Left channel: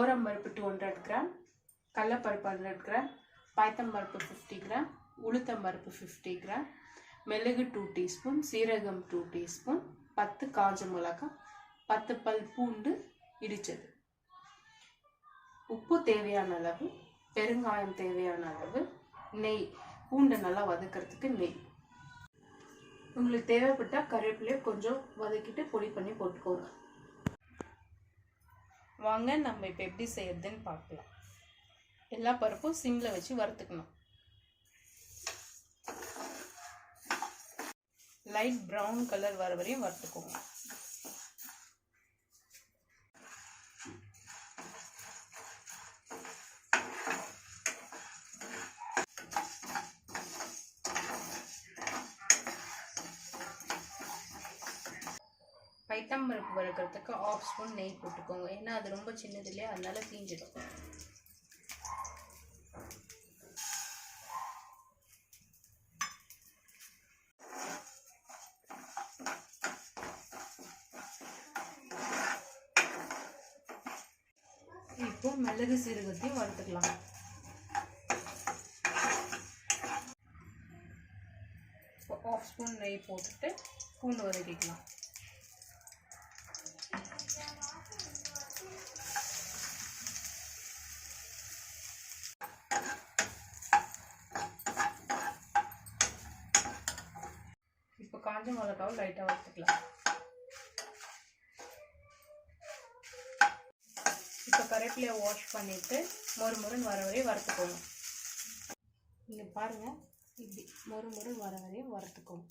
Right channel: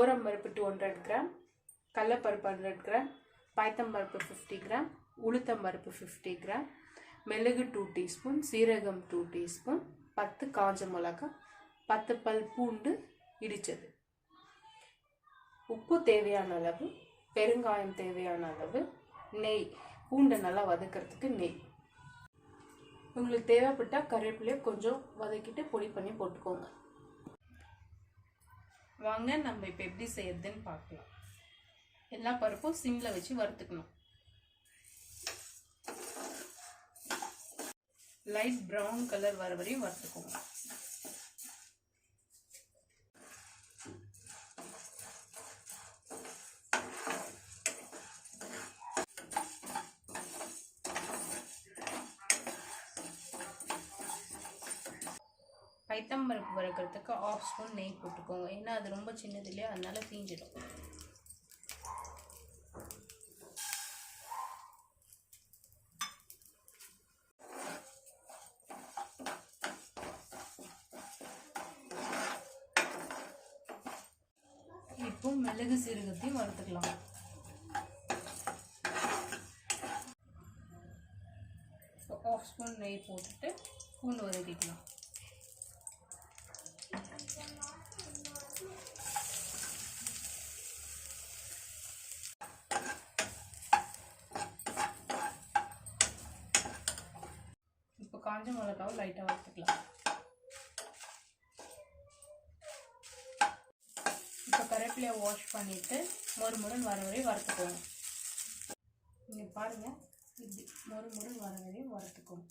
துவரம் பருப்பு 200 கிராம், கடலைப்பருப்பு 100 கிராம், பாய்த்தம் பருப்பு 50 கிராம், உளுத்தம் பருப்பு 50 கிராம், மிளகு 2 டீஸ்பூன், சீரகம் 2 டீஸ்பூன், 10 காஞ்ச மிளகாய், 10 பல் பூண்டு இடிச்சது, உப்பு தேவையான அளவு, பெருங்காயம் தேவையான அளவு, நெய், பூண்டை நல்லா வதக்கிறதுக்கு நெய். உங்களுக்கு தேவைப்பட்டால் கருவேப்பிலையை கொஞ்சம் வதக்கிட்டு பொடி பண்ணி போட்டுக்கோங்க. வாங்க நம்ம இப்போ எப்படி செய்யறதுன்னு பார்க்கலாம். எல்லா பருப்பும் சிம்மில் வச்சு வறுத்துக்கணும். லைட் ப்ரௌன் கலர் வர வரையும் வறுத்துக்கோங்க. பைத்தம் பருப்பு வறுக்கிறதுக்கு 1/2 ஸ்பூன் நெய் போட்டுக்கோங்க. ஏன்னா அது ரொம்ப சின்னது இல்லையா, அதனால தீஞ்சிடும். இப்போ மிளகு சீரகத்தையும் வறுத்துக்கலாம். இப்போ 1/2 ஸ்பூன் நெய் போட்டுட்டு பூண்டு வதக்கிக்கலாம். இப்போ காஞ்ச மிளகாவை லைட்டாக வறுத்துக்கலாம். இப்போ கருவேப்பிலையை வாஷ் பண்ணிவிட்டு மொறுமொறுன்னு வர வரையும் வறுத்துக்கோங்க. நீங்கள் பாருங்கள், இப்படி மொறுமொறுன்னு வர வரையும் வறுத்துக்கோங்க.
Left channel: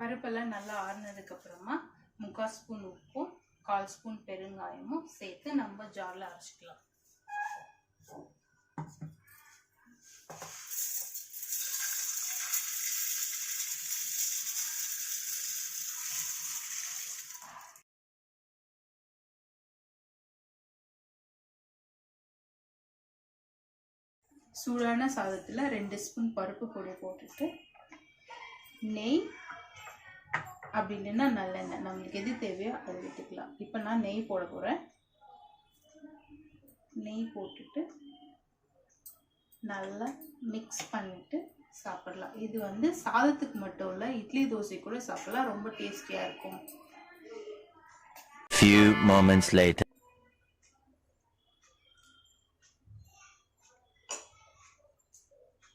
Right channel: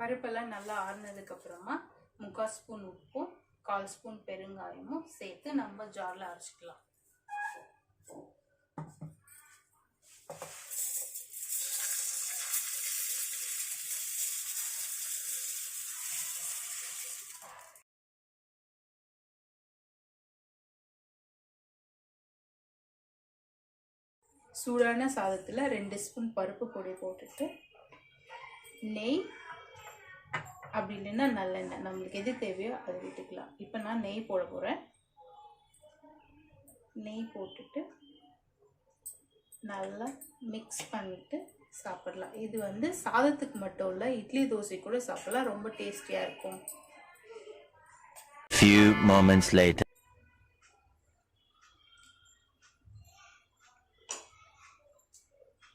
பருப்பெல்லாம் நல்லா ஆறுனதுக்கப்புறமா 3/4 ஸ்பூன் உப்பும் 1/4 ஸ்பூன் பெருங்காயமும் சேர்த்து நம்ம ஜாரில் அரைச்சிக்கலாம். சூடான சாதத்தில் 2 ஸ்பூன் பருப்பு பொடி போட்டுட்டு நெய், அப்படி இல்லைன்னா நல்லெண்ணெய், நம்மளுக்கு எது தேவையோ அதை விட்டுக்கலாம். இப்போ நான் நெய் போட போகிறேன். நெய் போட்டுட்டு நல்லா மிக்ஸ் பண்ணிட்டு சாப்பிடலாம். இது வந்து சாதத்துக்கு மட்டும் இல்லை, இட்லி தோசை கூட சாப்பிடலாம். ரொம்ப டேஸ்டியாக இருக்கும். Few moments later.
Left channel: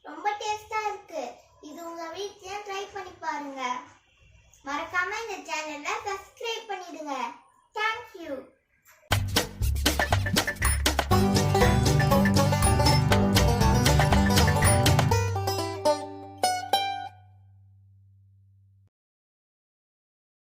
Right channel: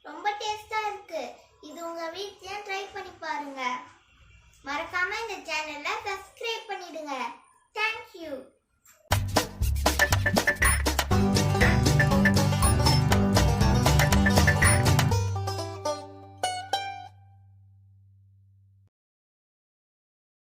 ரொம்ப டேஸ்டா இருக்கு. இது உங்க வீட்லயே ட்ரை பண்ணி பாருங்க. மறக்காம இந்த சேனலை சப்ஸ்கிரைப் பண்ணிடுங்க.